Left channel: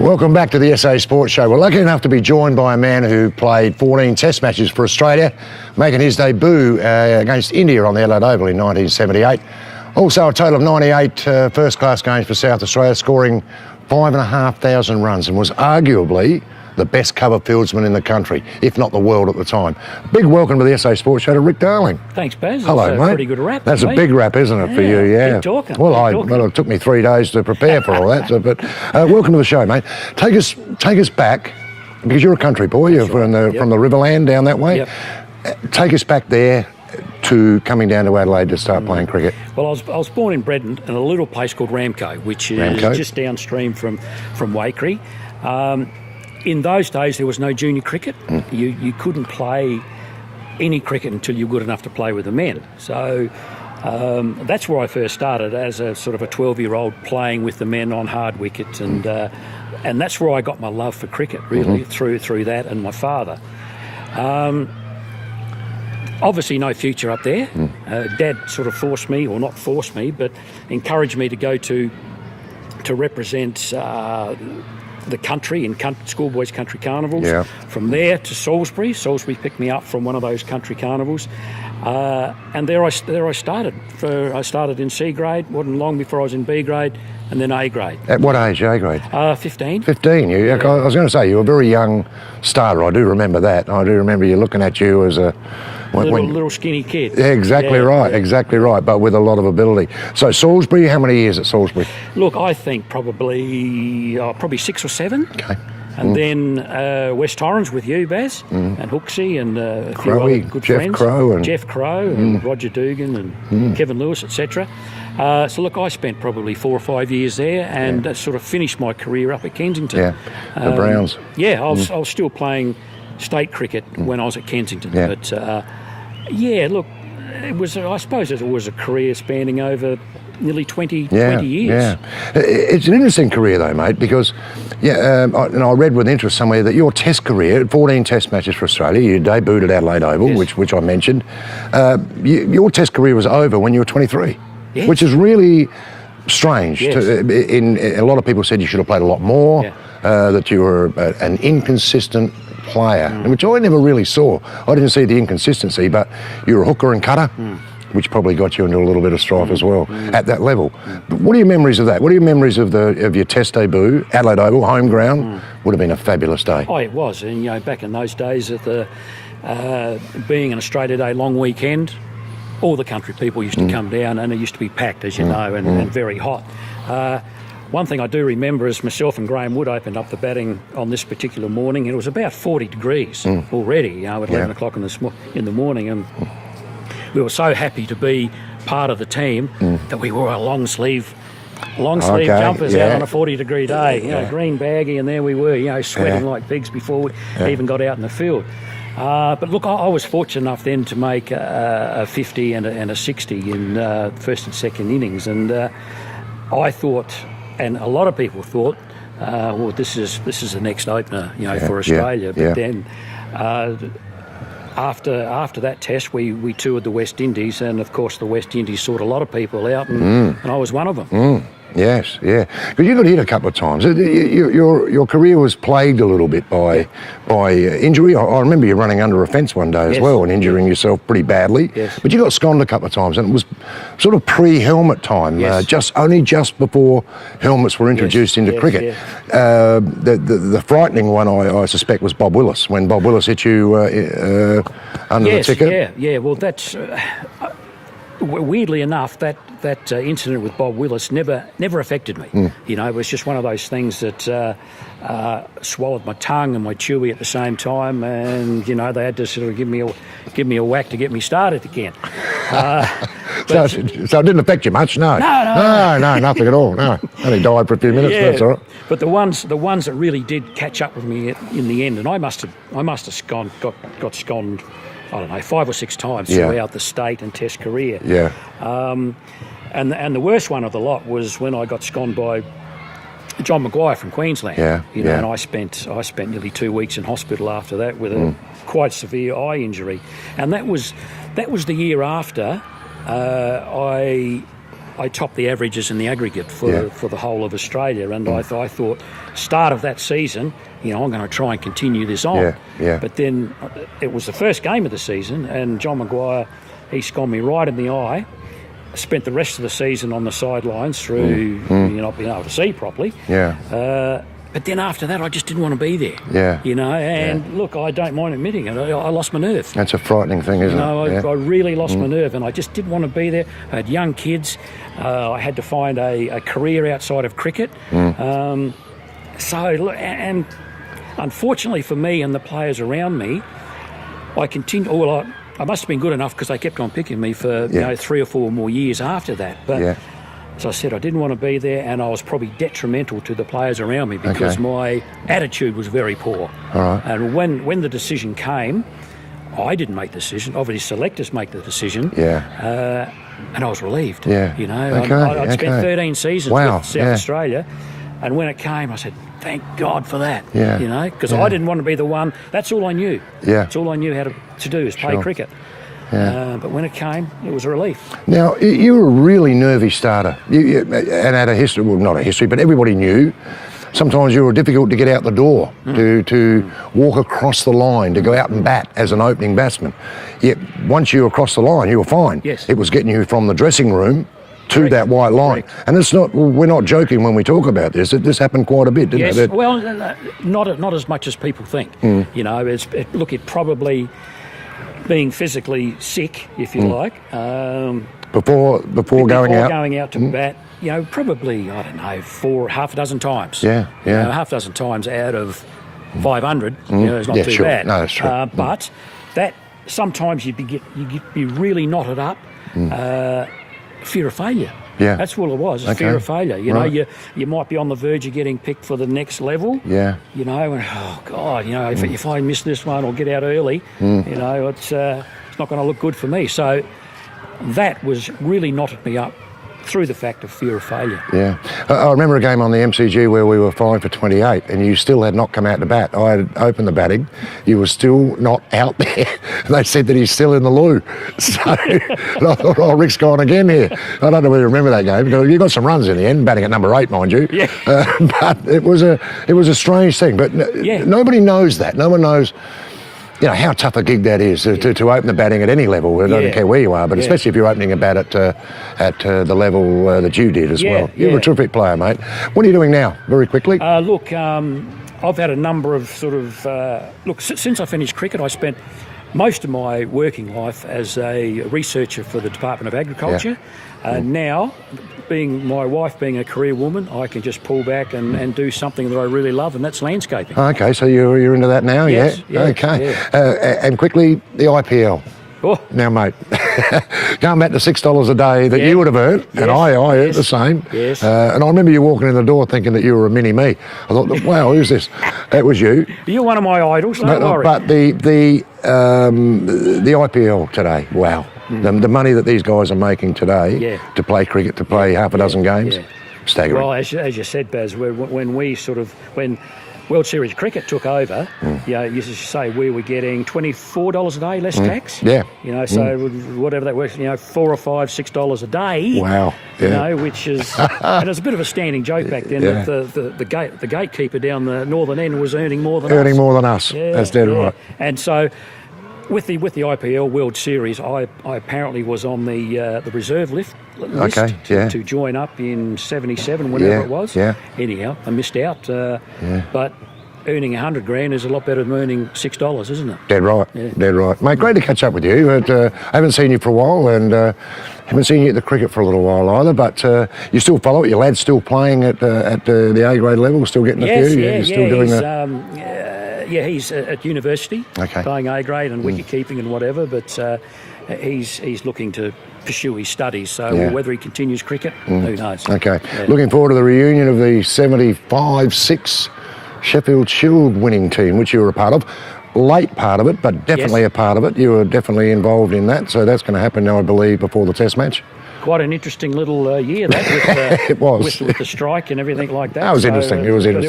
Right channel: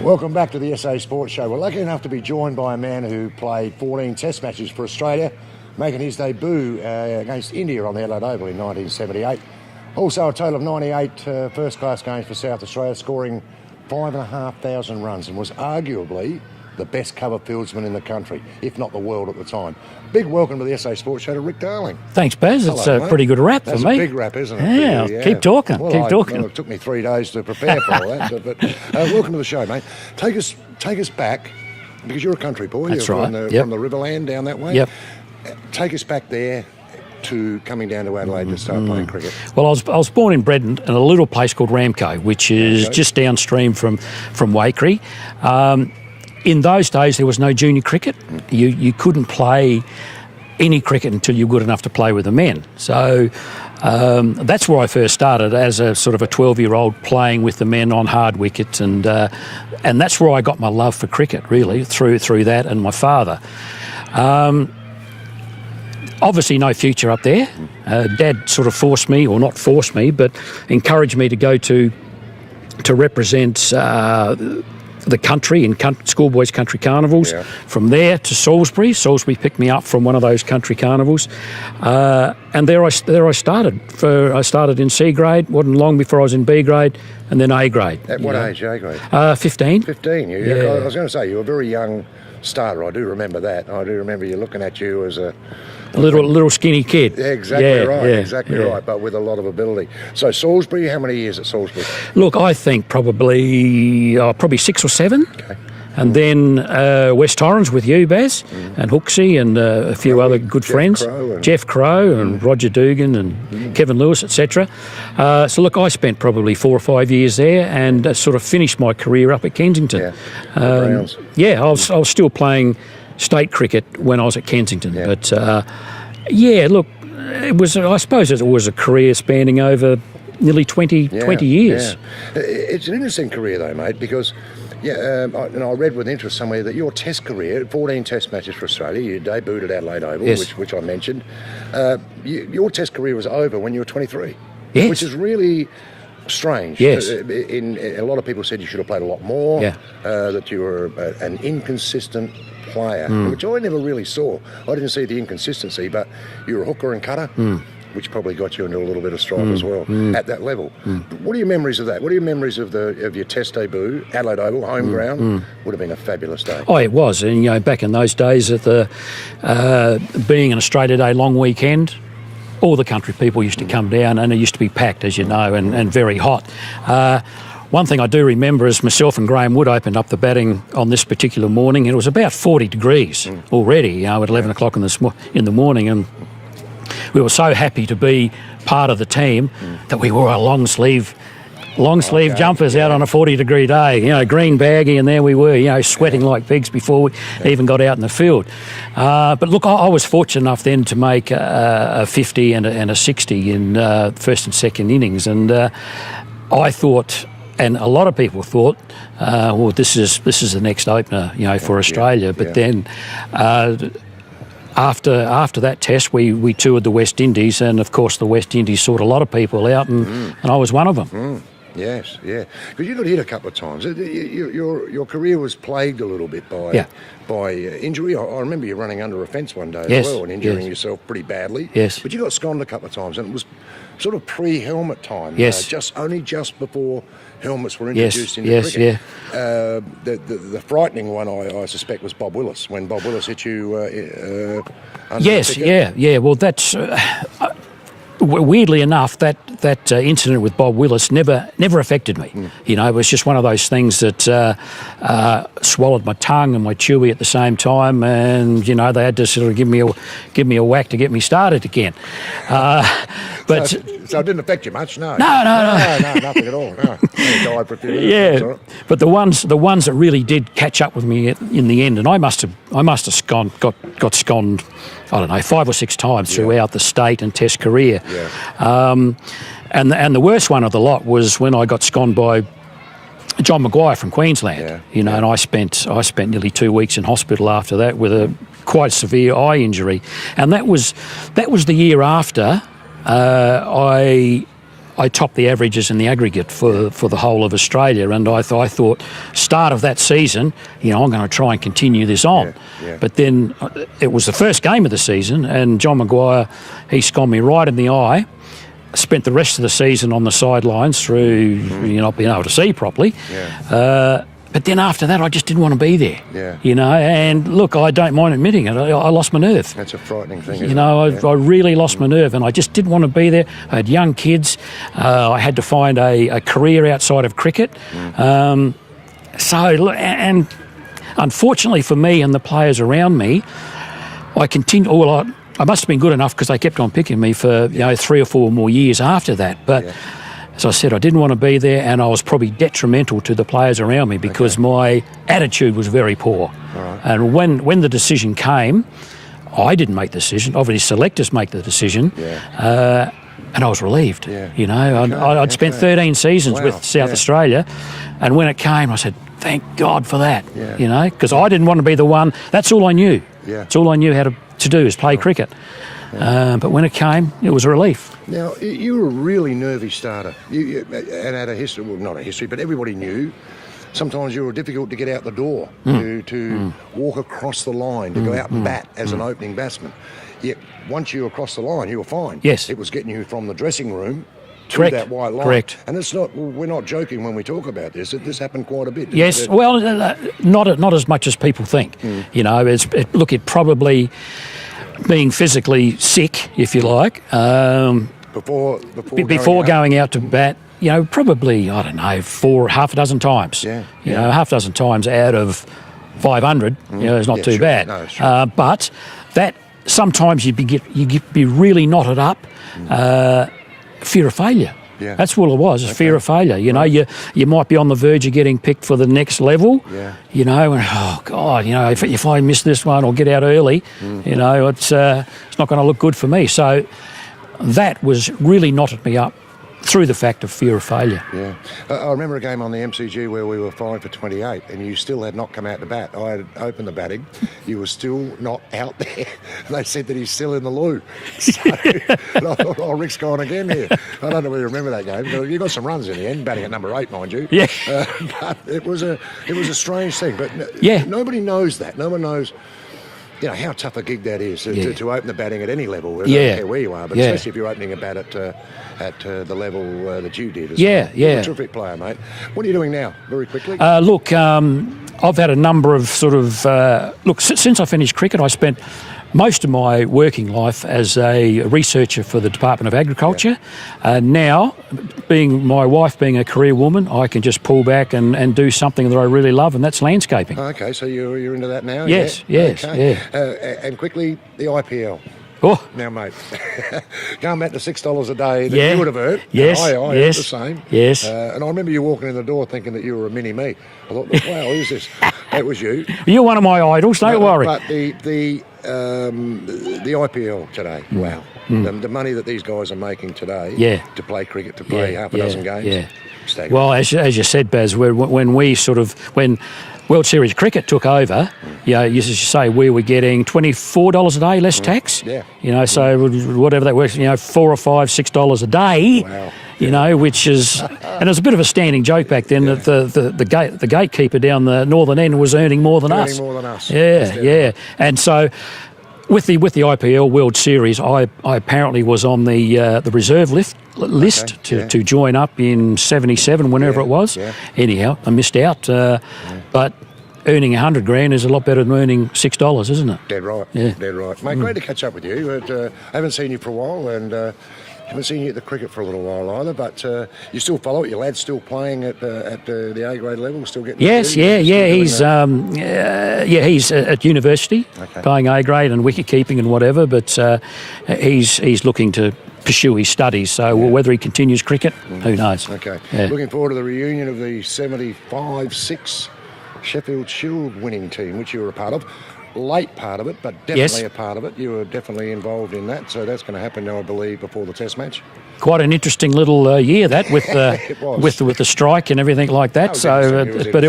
Welcome back to the SA Sports Show. We're lucky enough to be joined by a man who played 14 Test matches for Australia, making his debut against India on the Adelaide Oval in 1978. Also a total of 98 first-class games for South Australia, scoring 5,500 runs, and was arguably the best cover fieldsman in the country, if not the world at the time. Big welcome to the SA Sports Show to Rick Darling. Thanks, Baz. Hello, That's a mate. pretty good rap. That's a big rap, isn't it, for you? Yeah. Keep talking. Well, keep talking. Well, it took me 3 days to prepare for all that. But welcome to the show, mate. Take us back, because you're a country boy. That's You're right. from the Riverland down that way. Yep. Take us back there to coming down to Adelaide to start playing cricket. Well, I was born and bred in a little place called Ramco, which is just downstream from Waikerie. In those days, there was no junior cricket. You couldn't play any cricket until you were good enough to play with the men. So that's where I first started, as a sort of a 12-year-old playing with the men on hard wickets, and that's where I got my love for cricket, really, through that and my father. Obviously no future up there. Dad sort of forced me, or not forced me, but encouraged me to go to represent the country in schoolboys country carnivals. Yeah. From there to Salisbury. Salisbury picked me up from one of those country carnivals, and there I started. I started in C grade. Wasn't long before I was in B grade, and then A grade. At what age, A grade? 15. 15. I was going to say, you were a very young starter. I do remember that. I do remember you looking at you as a little skinny kid. Yeah, exactly right, but with a lot of ability. So Salisbury, how many years at Salisbury? Look, I think probably 6 or 7. Okay. And then West Torrens with you, Baz, and Hooksy, and a few other good friends. Jeff Crow and Roger Dugan and Kevin Lewis, etc. So look, I spent probably 4 or 5 years there, and sort of finished my career up at Kensington. Yeah, the Browns. Yeah, I was still playing state cricket when I was at Kensington. Yeah. But look, it was. I suppose it was a career spanning over nearly 20 years. Yeah. It's an interesting career though, mate, because I read with interest somewhere that your Test career, 14 Test matches for Australia, you debuted at Adelaide Oval, which I mentioned. Your Test career was over when you were 23, which is really strange. Yes. A lot of people said you should have played a lot more, that you were an inconsistent player, which I never really saw. I didn't see the inconsistency, but you were a hooker and cutter, which probably got you into a little bit of strife as well at that level. But what are your memories of that? What are your memories of your Test debut, Adelaide Oval, home ground? Would have been a fabulous day. Oh, it was. And back in those days, at the being an Australia Day long weekend, all the country people used to come down, and it used to be packed, as you know, and very hot. One thing I do remember is myself and Graham Wood opened up the batting on this particular morning, and it was about 40 degrees already, at 11 o'clock in the morning, and we were so happy to be part of the team that we wore our long sleeve jumpers out on a 40-degree day, green baggy, and there we were, sweating like pigs before we even got out in the field. But look, I was fortunate enough then to make a 50 and a 60 in first and second innings, and I thought, and a lot of people thought, well, this is the next opener, for Australia. But then after that Test, we toured the West Indies, and of course the West Indies sought a lot of people out, and I was one of them. Yes, yeah. Because you got hit a couple of times. Your career was plagued a little bit by injury. I remember you running under a fence one day as well and injuring yourself pretty badly. Yes. But you got sconned a couple of times, and it was sort of pre-helmet time. Yes. Just before helmets were introduced into cricket. Yeah. The frightening one, I suspect, was Bob Willis, when Bob Willis hit you under the ticket. Yeah. Well, that's weirdly enough, that incident with Bob Willis never affected me. It was just one of those things that swallowed my tongue and my chewy at the same time, and they had to sort of give me a whack to get me started again. So it didn't affect you much, no? No, nothing at all. No, only died for a few minutes. That's all right. But the ones that really did catch up with me in the end, and I must have got sconned, I don't know, 5 or 6 times throughout the state and Test career. Yeah. And the worst one of the lot was when I got sconned by John Maguire from Queensland. And I spent nearly 2 weeks in hospital after that with a quite severe eye injury, and that was the year after I I topped the averages in the aggregate for the whole of Australia, and I thought start of that season, I'm going to try and continue this on. But then it was the first game of the season, and John Maguire, he scored me right in the eye. Spent the rest of the season on the sidelines through not being able to see properly. But then after that, I just didn't want to be there. And look, I don't mind admitting it. I lost my nerve. That's a frightening thing, isn't it? I really lost my nerve, and I just didn't want to be there. I had young kids. I had to find a career outside of cricket. And unfortunately for me and the players around me, I continued. I must have been good enough because they kept on picking me for 3 or 4 more years after that. But as I said, I didn't want to be there, and I was probably detrimental to the players around me because my attitude was very poor. And when the decision came, I didn't make the decision. Obviously, selectors make the decision. And I was relieved. I'd spent 13 seasons with South Australia, and when it came, I said, thank God for that. Because I didn't want to be the one. That's all I knew. That's all I knew how to do is play cricket. But when it came, it was a relief. Now, you were a really nervy starter. And had a history, well, not a history, but everybody knew. Sometimes you were difficult to get out the door, to walk across the line, to go out and bat as an opening batsman. Yet once you were across the line, you were fine. It was getting you from the dressing room to that white line. And it's not, we're not joking when we talk about this. This happened quite a bit, didn't it? Well, not as much as people think. It probably being physically sick, if you like, before going out to bat, probably, I don't know, half a dozen times. Half a dozen times out of 500, is not too bad. No, that's true. But that sometimes you'd be really knotted up. Fear of failure. That's what it was. It's fear of failure. You might be on the verge of getting picked for the next level. And oh God, if I miss this one or get out early, it's not going to look good for me. So that was really knotted me up through the fact of fear of failure. I remember a game on the MCG where we were 5 for 28 and you still had not come out to bat. I had opened the batting. You were still not out there. They said that he's still in the loo. So and I thought, oh, Rick's gone again here. I don't know whether you remember that game. You got some runs in the end, batting at number 8, mind you. But it was a strange thing. But nobody knows that. No one knows how tough a gig that is to open the batting at any level. I don't care where you are, but especially if you're opening a bat at the level that you did as well. You're a terrific player, mate. What are you doing now, very quickly? Look, I've had a number of since I finished cricket, I spent most of my working life as a researcher for the Department of Agriculture. Now, my wife being a career woman, I can just pull back and do something that I really love, and that's landscaping. Okay, so you're into that now? Yes. Okay. And quickly, the IPL. Now, mate, going back to $6 a day that you would have earned, and I earned the same. And I remember you walking in the door thinking that you were a mini-me. I thought, wow, who's this? That was you. You're one of my idols, don't worry. But the IPL today, wow. The money that these guys are making today to play cricket, to play half a dozen games, staggering. Well, as you said, Baz, when World Series cricket took over, you used to say we were getting $24 a day less tax. So whatever that works, $4 or $5, $6 a day. Wow. Which is, and it was a bit of a standing joke back then that the gatekeeper down the northern end was earning more than us. That's dead right. And so with the IPL World Series, I apparently was on the reserve list to join up in 77, whenever it was. Anyhow, I missed out. But earning $100,000 is a lot better than earning $6, isn't it? Dead right. Dead right. Mate, great to catch up with you. I haven't seen you for a while, and haven't seen you at the cricket for a little while either, but you still follow it? Your lad's still playing at the A-grade level, still getting he's at university, playing A-grade and wicket-keeping and whatever, but he's looking to pursue his studies, so whether he continues cricket, who knows. Looking forward to the reunion of the 75-6 Sheffield Shield winning team, which you were a part of. Late part of it, but definitely a part of it. You were definitely involved in that, so that's going to happen now, I believe, before the Test match. Quite an interesting little year that with it was. with the strike and everything like that. That was interesting. But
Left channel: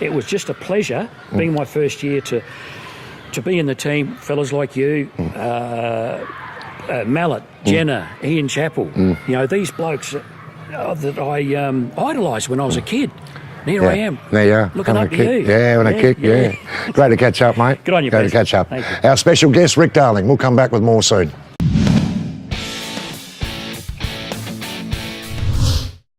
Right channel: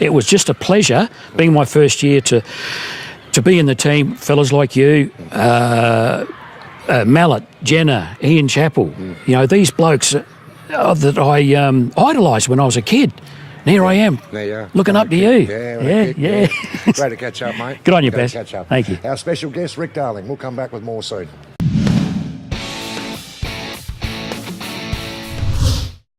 it was just a pleasure being my first year to be in the team. Fellas like you, Mallet, Jenner, Ian Chappell. These blokes that I idolised when I was a kid. And here I am. There you are. Looking up to you. Yeah, with a kick, yeah. Great to catch up, mate. Good on you, Great Baz. to catch up. Thank you. Our special guest, Rick Darling. We'll come back with more soon.